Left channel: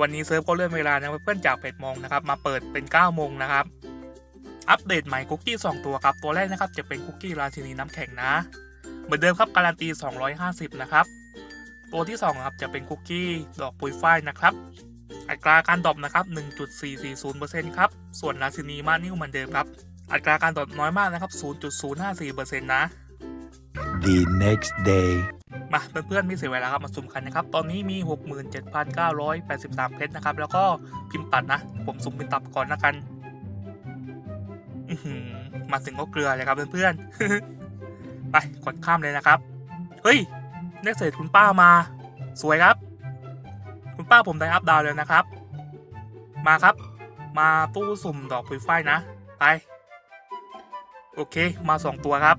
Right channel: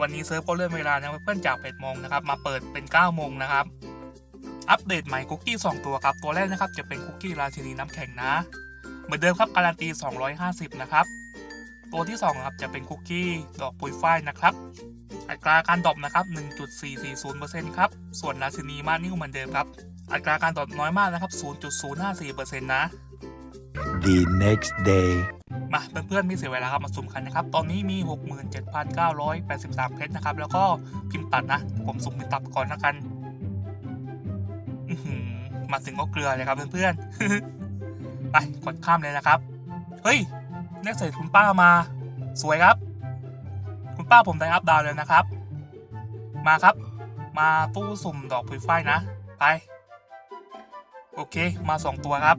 วันนี้เซิร์ฟก็เลื่อนเวลานะเพื่อนๆจาก8โมงนะครับมาเปิดเป็น 9 โมงนะครับ อัปเดตใหม่คุกกี้ 2 ตัวครับ ตัวแรกนะครับจะเป็นคุกกี้ราชินีน้ำแข็งนะ เหมือนเดิมครับการันตี 250 นะครับ ตัวที่2ครับจะเป็นคุกกี้ดอกปุยฝ้ายนะครับ อัตราการดรอปนะครับ 1.440%ครับ ส่วนราชินีมานิ่วเหมือนเดิมครับ อัตราการดรอปน้อยมากนะครับ 0.054%นะ the next day. มาเพื่อนๆไม่เสียเวลาครับมาสุ่มกันนะครับ ตอนนี้มี 67,983 เพชรนะครับ แล้วก็พิมพ์ตัดนะ ผมสุ่มเป็นตับก่อนแล้วกันมาถึงก็เกลือเลยครับเพื่อนๆ ไปกดข้ามเลยนะครับ เฮ้ยเลขเศษคุณป้ามา สวยครับ คุณป้าผมได้อัพดาวน์แล้วนะครับ มาครับ มาตู้สุ่มดอกปุยฝ้ายนะ ไป โอเค มาสองตัวครับ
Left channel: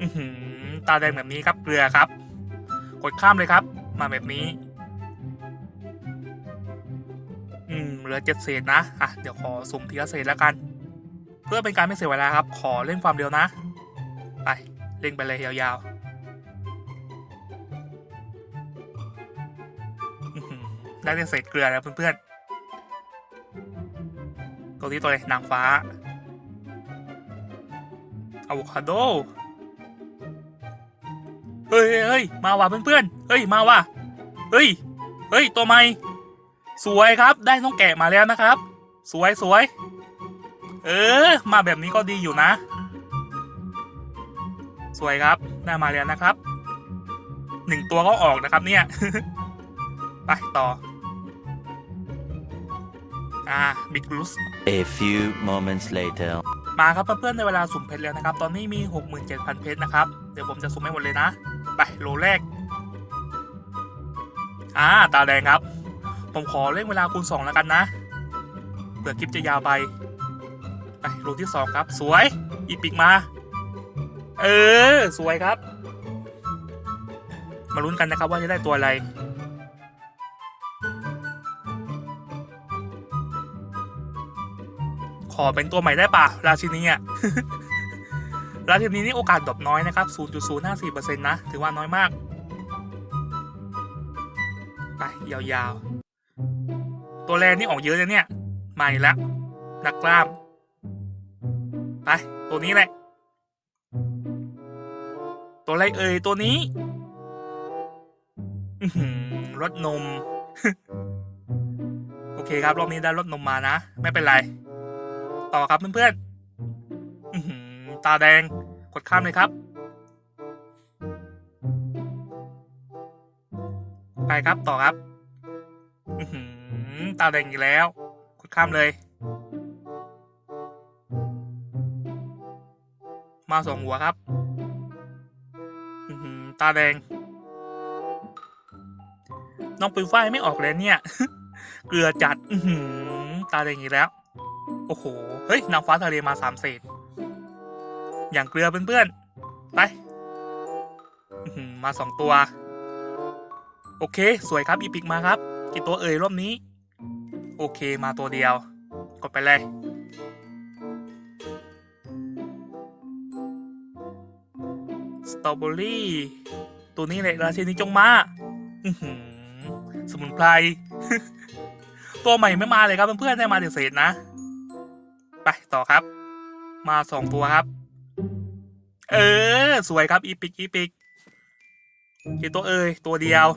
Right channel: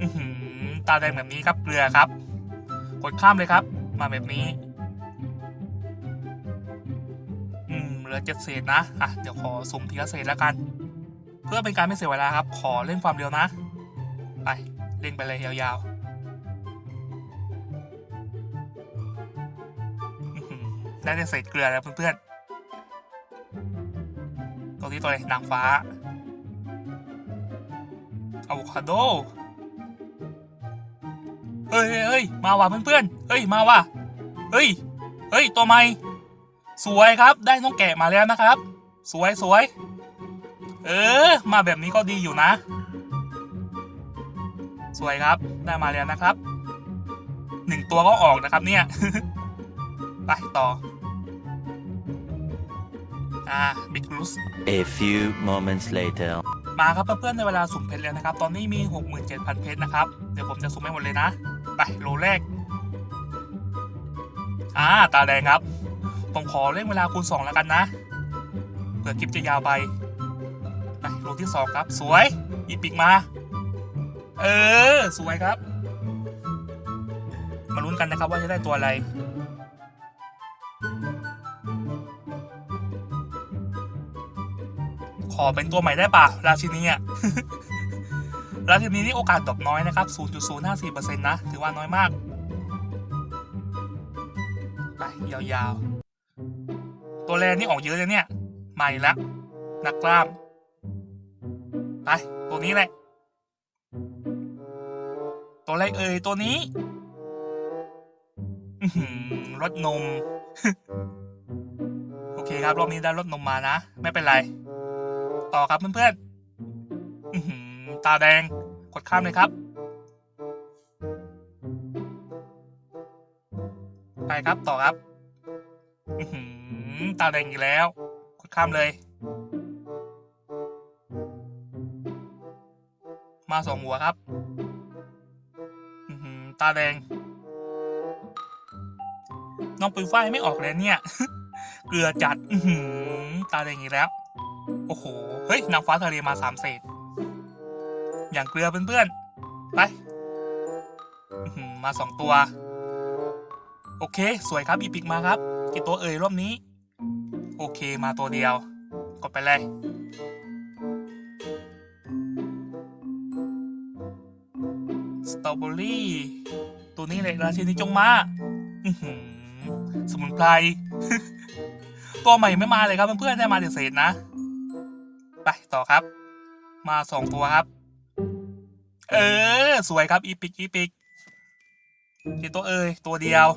อือหือ ตาแดงแบบนี้ครับเกลือครับ กดข้ามเลยครับ มาแบบนี้ อืมเหลือเจ็ดเศษนะอะเดี๋ยวขอสุ่มทีละเศษแล้วกัน เพื่อเป็นการไม่เสียเวลาครับ ขอเร่งความเร็วนะ ไปเร่งไปเลยยาวๆได้เศษเกลือแล้วเพื่อนๆตัวนี้ตัวอะไรนางฟ้าอะโวคาโด เฮ้ยเฮ้ยเฮ้ยมาว่ะเพื่อนๆเฮ้ยมาว่ะเฮ้ยเฮ้ยตัวใหม่สวยครับได้น้องแกะมาแล้วนะครับ สวยสวยเออ มาแบบนี้ก็ดีอยู่นะ สวยครับได้มาแล้วนะครับหนึ่งตัวก็ออกนะครับเนี่ยไปต่ออ่าบิ๊กลูส A few moments later. มาครับเพื่อนๆในเวลาสุ่มเพชรแล้วนะครับ ตอนนี้มี 67,000 เพชรนะครับ เดี๋ยวผมจะสุ่มให้หมดเลยนะ ไปโลแรก อ่า ตาแดงครับ ผมขอเร่งเวลาคูณ2แล้วกันนะเผื่อคลิปจะยาวไป ไปโลที่ 2 ครับ สวย อีปิกมา เออ สวยครับ มาลุ้นกันนะครับว่าจะได้ตัวอะไรขอเป็นตัวใหม่ได้ป่ะ ราชินีอะ ราชินีนี่โอกาสดรอปน้อยนะครับ 0.054%นะ ถือว่าน้อยมาก ไปยาวๆ ตัวแรนี่ออกเยอะเลยเนี่ย ใหม่แล้วนักกล้าม ไป ตัวนี้แหละ ตัวอะไรเอ่ย ตัวนี้รถนม โอเคครับ รอบนี้ได้รถนมมานะ ไม่เป็นไร ต่อครับเพื่อนๆอื้อหือ ตาแดง กดข้ามเลยครับ ไปครับต่อครับอื้อหือตาแดงอีกแล้ว กดข้ามเลย มาสองหัวครับอื้อหือตาแดง น้องปืนฝ้ายไม่ออกเลยเนี่ย เกลือจัดอื้อหือตาแดงอีกแล้ว โอ้โห เฮ้ยนางฟ้าทะเลมาสามเศษ อย่างเกลือเพื่อนๆ ไป มาสองตัว โอเค สวยครับอีพิกมาครับ กี่ตัวเอ่ยรอบนี้ โอเคมาตัวเดียว กดไปเลยสตรอเบอรี่ตัวนี้เลยราชินีจงมาอื้อหือสมุนไพร ตัวใหม่ไม่มาเลยครับเพื่อนๆได้มาเศษนะ ไปต่อครับ มาสองตัวครับ เออ สวยครับ อีปิกอีปิกกี่ตัวเอ่ยตัวเดียว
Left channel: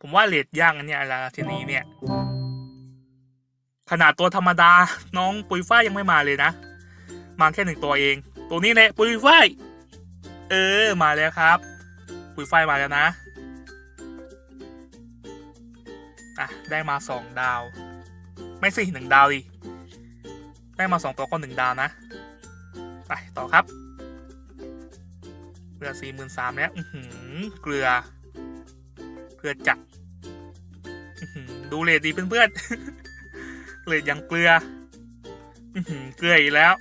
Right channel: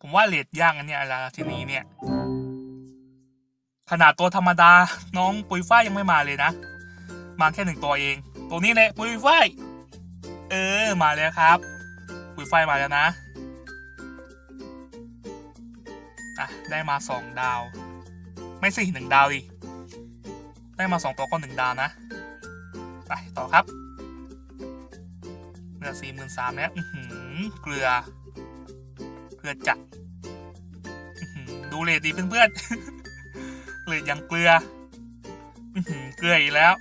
ผมว่าเลดย่างอันเนี้ยราชินีเนี่ย ขนาดตัวธรรมดา น้องปุยฝ้ายยังไม่มาเลยนะ มาแค่หนึ่งตัวเอง ตัวนี้แหละปุยฝ้ายเออ มาแล้วครับ ปุยฝ้ายมาแล้วนะอะได้มาสองดาว ไม่สิหนึ่งดาวดิได้มาสองตัวก็หนึ่งดาวนะ ไปต่อครับเหลือสี่หมื่นสามแล้วเกลือ เกลือจัดดูเลดดีเพื่อนๆเลดยังเกลือเกลืออีกแล้ว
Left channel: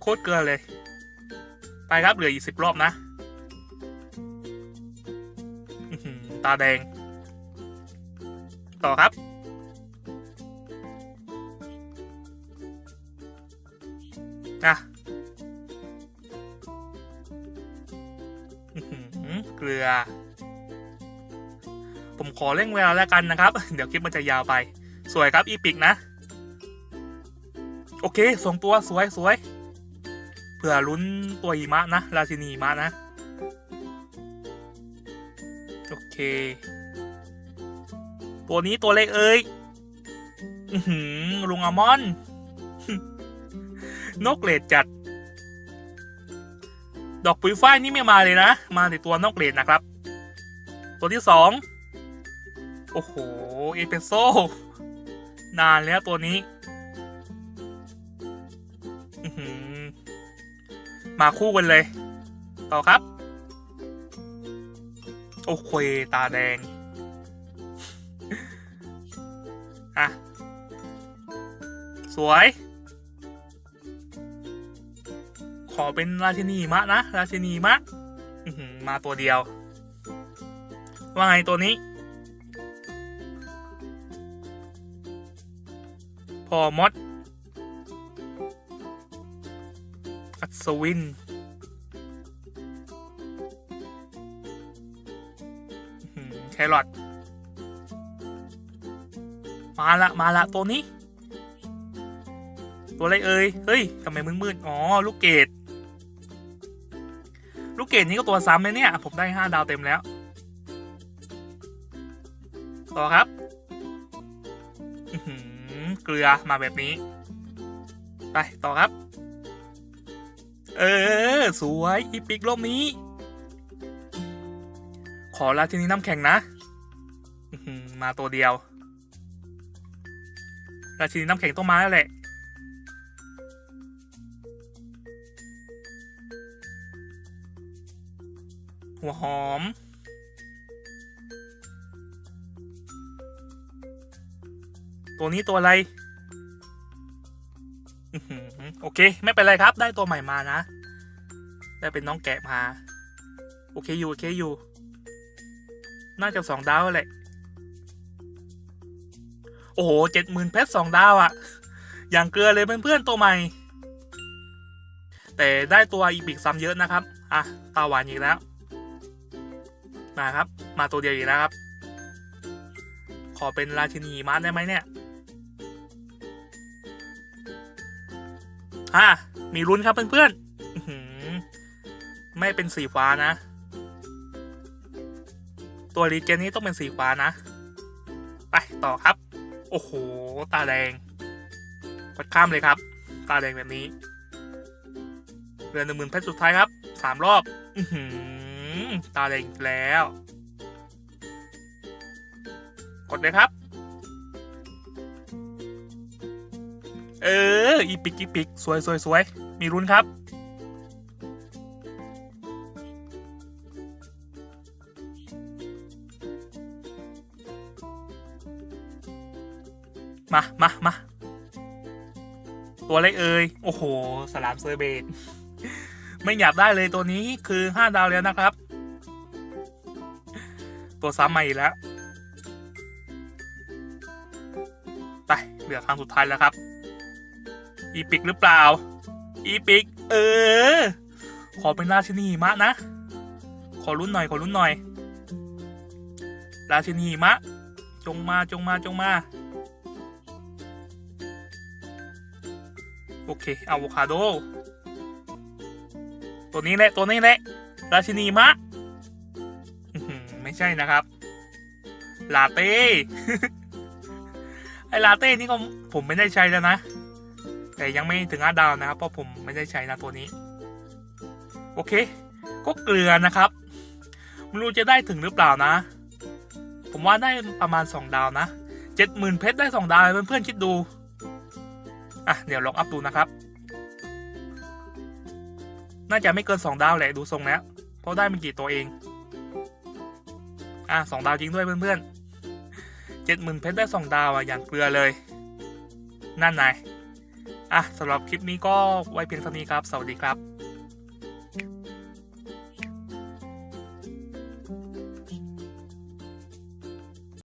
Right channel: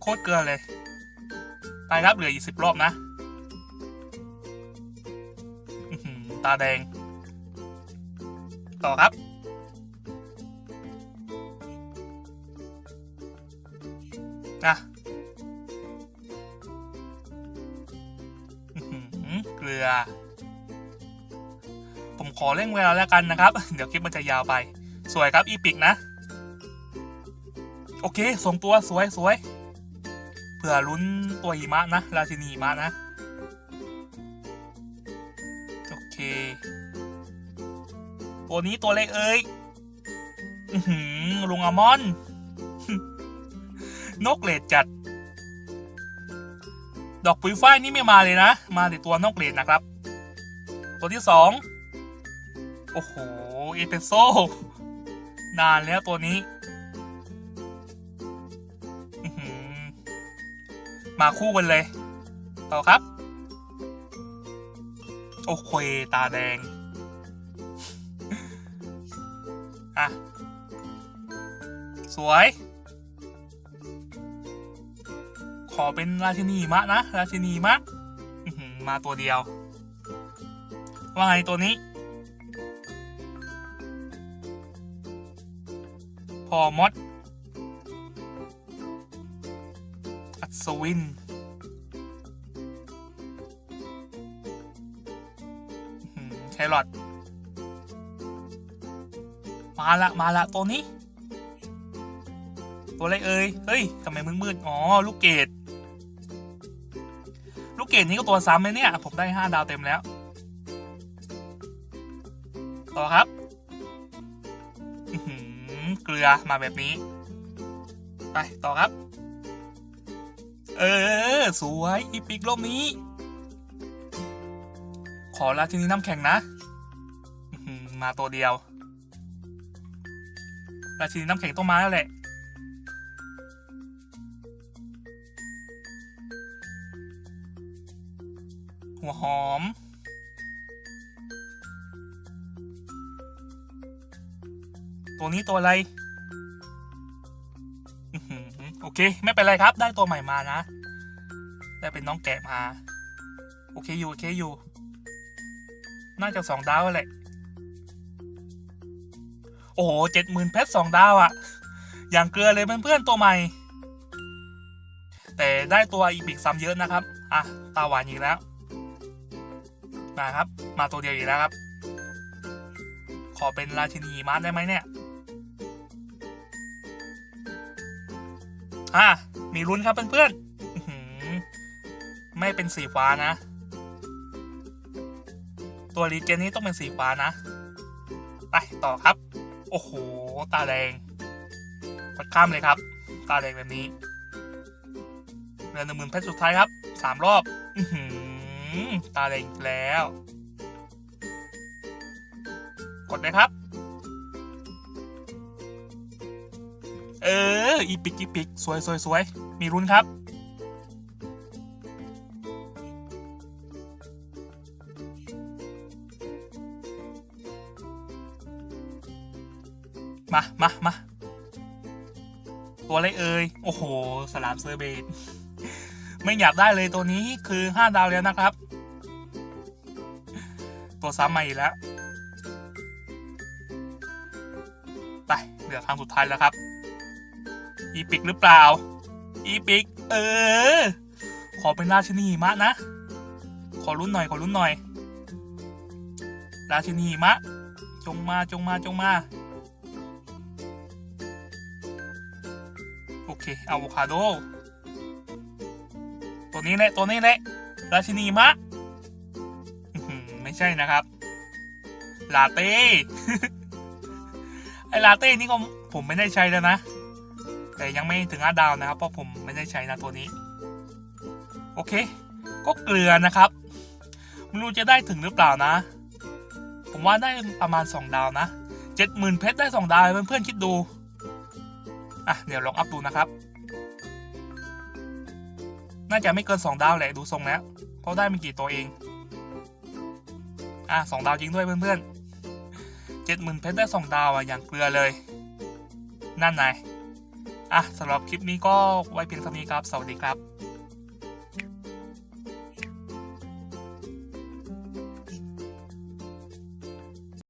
โคตรเกลือเลย ไปครับเหลืออีกสิบรอบนะตาแดง ต่อครับ นะเกลือ ผมขอเร่งเวลาแล้วกันนะครับ เดี๋ยวคลิปมันจะยาวไป สวยครับอีปิกนะ โอเคส่งตัวสวยสวยเผื่อลุ้นตัวอีมะนะราชินีมะนะ โอเค ตัวนี้ตัวเล็กเอ้ย อือหือลุงอมอน นกเลดจัด ดอกปุ๋ยฝ้ายนี่ไม่มาเลยนะ มาแต่ตัวนกเลดนะครับ ตัวที่สองโอ้โหเอเปโซนานแล้วตัวนี้มาคู่กันเลย ต่อครับ โอเค ตาแดง อะ สวย อเป็นราชินีมะนะ ราชินีมะมาตัวเดียว ว่าไงตัวนี้ พอมด อัศวินอื้อหือแครอทมาละ มาละตัวนี้ ตัวอะไรเอ่ยเฮ้ยทำไมมืดๆอ๋อลูกเกดลูกเกดนี้ก็ตัวซ้ำเลยเนี่ยผมได้ห้าดาวเต็มแล้ว ต่อครับเกลือมาแบบนี้ ไปต่อครับ เออ สวยอีปิกรอบนี้ ขอราชินีน้ำแข็งนะมาตัวเดียวราชินีน้ำแข็งต้องมาแล้วแหละ หัวหอม ตัวนี้ตัวอะไร โอเค ไม่เป็นไรครับ ได้ตัวใหม่มานะ ได้เป็นน้องแกะมา โอเคอยู่ โอเคอยู่ น่าจะสองดาวแหละ โอ้โหเจ็ดหมื่นเพชรสองดาวอะอย่างเกลือเลยเพื่อนๆตัวใหม่ แต่ได้ตัวอีพิกซ้ำเยอะนะครับ อะ ตาหวานอีกแล้ว มาครับ มาตัวเดียวอีกแล้วครับ ขอเป็นราชินีหิมาได้ไหมเนี่ยอะมีลุ้นครับเพื่อนๆไม่เป็นสีฟ้านะ ตัวรีเจนนี้ต้องเป็นสีฟ้านะ ไปต่อครับ โอ้โห ตาแดงกดข้ามเลยครับ ตาแดงแบบนี้เรือหนึ่งหมื่นเพชรสุดท้ายครับสามรอบ อื ตาแดงแล้ว กดเลยครับ เออ อีปิกอีปิกสวยสวยสวยมีรุนครับ มามามาตัวเล็กเอ่ย โอ้โห สลามเซอร์เบต ไม่อยากได้เลยตัวนี้คือห้าดาวแล้วนะครับ ตัวซ้ำมาอีกแล้ว ไปเหลือครั้งสุดท้ายแล้วครับ อีปิกหรือเปล่า อีปิก เออ ขอเป็นราชินีมะนะ ขอรุ่นหน่อย ขอรุ่นหน่อย ราชินีมะ จงมาจงมาจงมาโอเคอะโวคาโด ตัวนี้แหละตัวนี้แหละราชินีมะไม่ใช่นะครับ ลาเต้ ไอลาเต้นี่ก็ผมไม่ได้ใช้แล้วนะ แต่ยังไม่ถึงห้าดาวนะครับ เพราะผมไม่ได้ใช้นะตัวนี้ โอเค ก็เกลือนะครับไม่รู้จะได้ถึงหรือเปล่านะ ผมว่าได้ประมาณ 2 ดาวนะเจ็ดหมื่นเพชรได้ 2 ดาวเพื่อนๆคิดดู อะ เดี๋ยวลองอัพดูนะครับ น่าจะไม่เกิน 2 ดาวแหละดูทรงแล้ว เพราะได้ไม่กี่ตัวเอง อะสองดาวจริงด้วยเพื่อนๆเจ็ดหมื่นเพชรได้ 2 ดาวอะอย่างเกลือเลย นั่นไงอะสำหรับคลิปนี้ก็ไว้เพียงเท่านี้ครับ สวัสดีครับ